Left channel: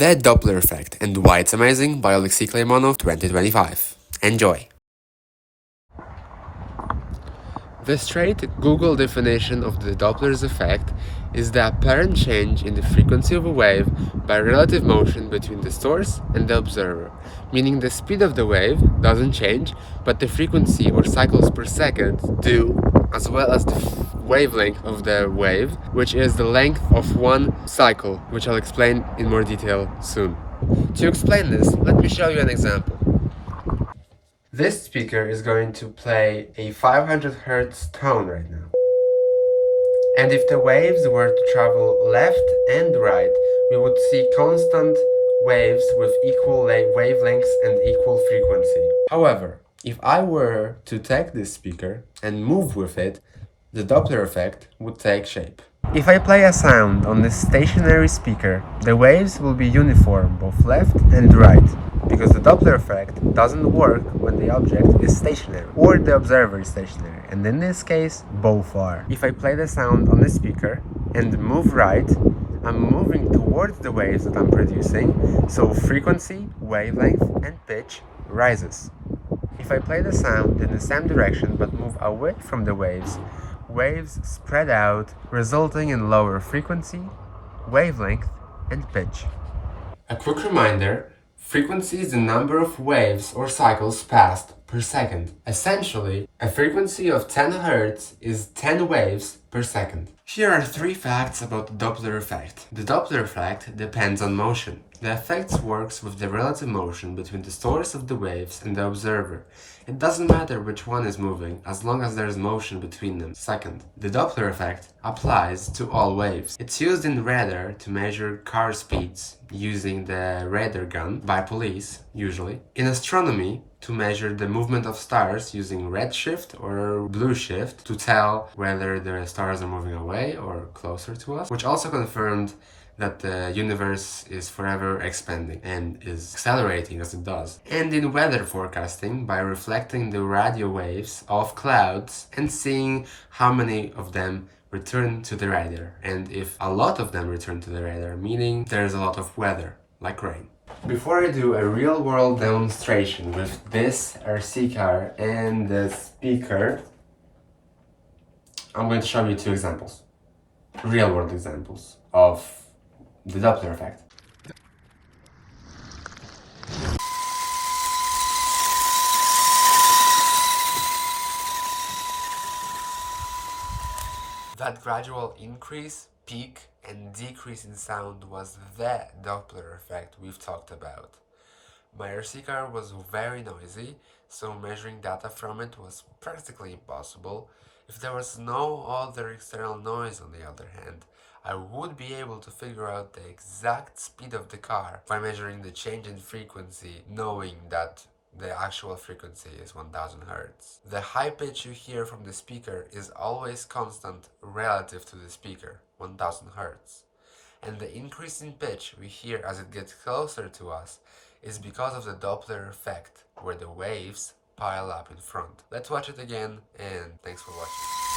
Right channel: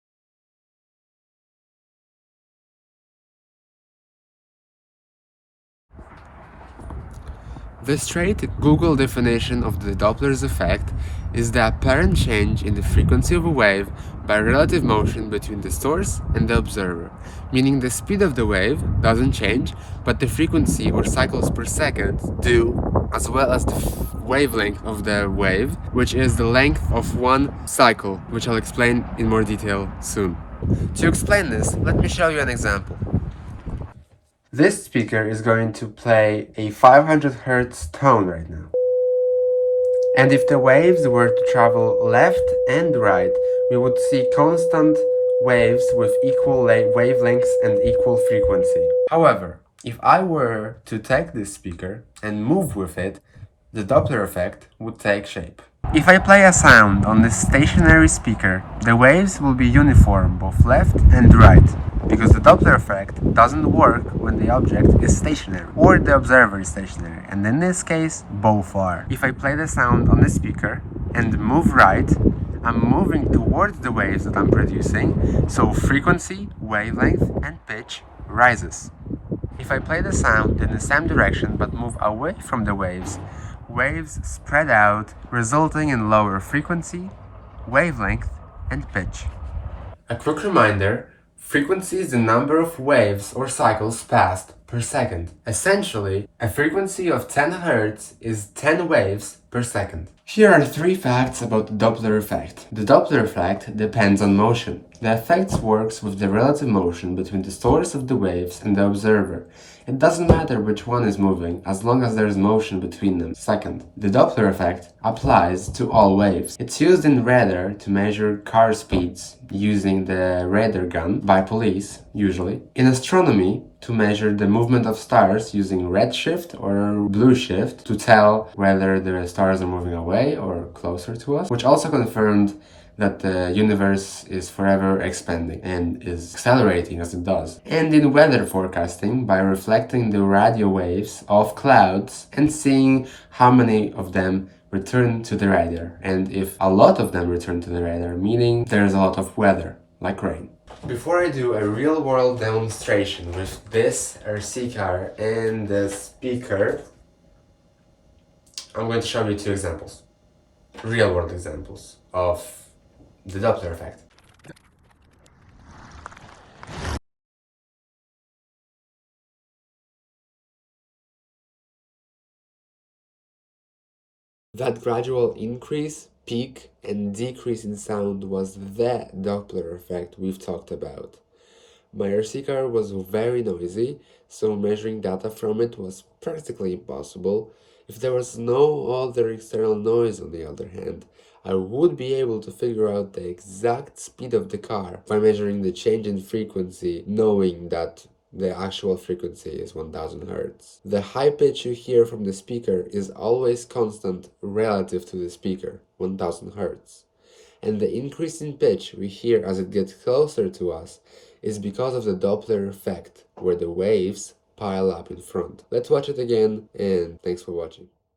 The Doppler Effect and Why It's Amazing by ጵ𝗰𝘁𝗶cie 2025. Enjoy! The straight Google definition of the Doppler's effect is the apparent change in the frequency of a wave by relative motion between the source and the observer, meaning the speed of the wave doesn't change, but the frequency or cycles per second do, as well as the wavelength of the wave, which is the length of one cycle, which I'll explain in more detail soon. To explain this, let me show you an example. This speaker is going to play a 500 Hz tone right now. And if the waves were to travel left and right, we would see constant waves with equal wavelengths and equal frequency. However, if I were to take this speaker and move with it, the Doppler effect would take shape. If I play a sound on this stationary speaker, the waves will be uniform both left and right, because the Doppler effect doesn't work when the object is stationary or the observer is stationary, and in this case, both are. If I play the sound on the speaker and move right, I'm moving towards the waves that I'm producing, so frequency, wavelength, and pitch rises. If I play the sound in the same direction but move away from the waves spread out, resulting in lower frequency, wavelength, and pitch. A quick reminder, frequency is the number of waves or cycles passed per second. Essentially, a frequency of 10 Hz is 10 waves per second. Here are 3 facts about the Doppler effect. The Doppler effect depends on motion. The effect works with the relative motion between the source of the waves and the observer. It doesn't matter which one is moving, as long as there is motion between them. Second, the Doppler effect applies to all waves. It's used in radar to measure car speeds, using the radar gun by police, usually. In astronomy, to measure the movement of stars using redshift or blue shift to tell whether the stars are moving away or closer to us, which also confirmed that the universe is forever expanding and is accelerating as it does. And in weather forecasting, by reflecting the radio waves off clouds and seeing how many of them return to the radar, and if a lot of them return to the radar, meaning there's a lot of weather, like rain. Before I do a real-world demonstration with this RC car and the speaker, I'm going to show you 2 examples. Real-world examples of the Doppler effect. That gradual increase, peak, and decrease in sound was the Doppler effect we've talked about. My RC car was very noisy, so measuring data from it was practically impossible. If there was no other external noise, on the other hand, I would be able to figure out the exact speed of the car by measuring the change in frequency, knowing that the actual frequency is 1000 Hz. The high pitch you hear from the speaker is always constant relative to the speaker, 1000 Hz. And the increase in pitch we hear as it gets closer to us is because of the Doppler effect, where the waves pile up in front. Let's watch it again, and thanks for watching.